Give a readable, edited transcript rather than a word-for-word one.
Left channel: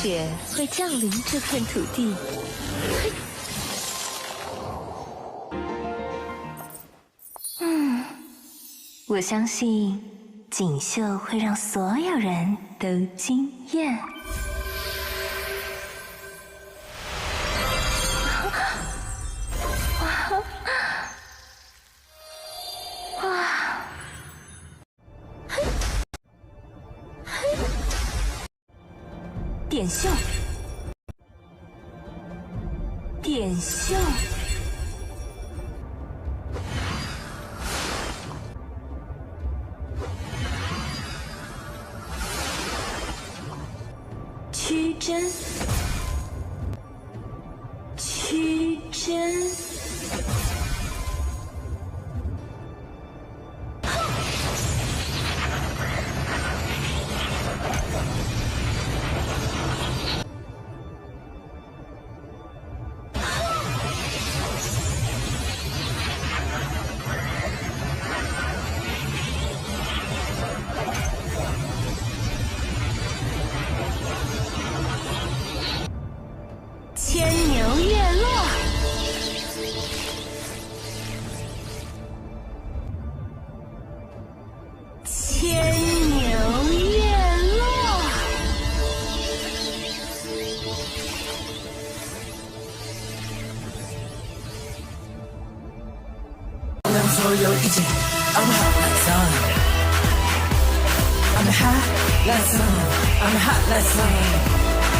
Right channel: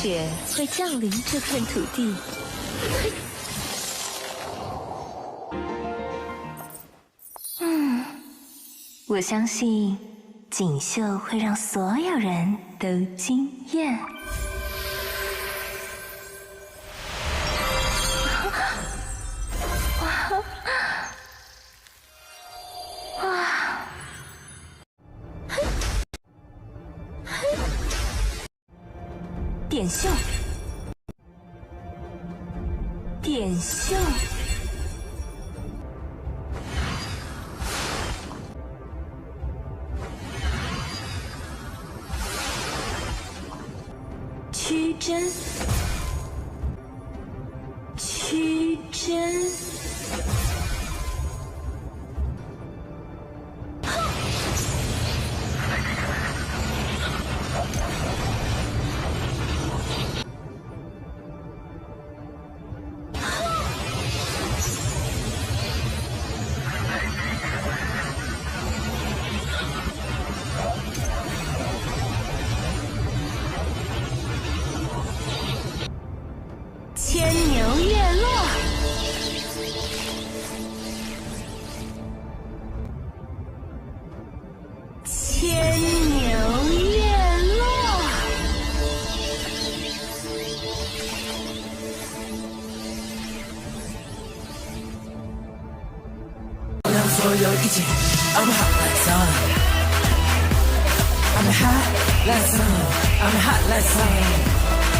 雪会降临这片土地。我相信锦绣会让所有人都惊艳。点绣，点绣。曲针，曲针，牵牛月落，牵牛月落，让所有一起 I'm hot like sun I'm hot like sun I'm hot like sun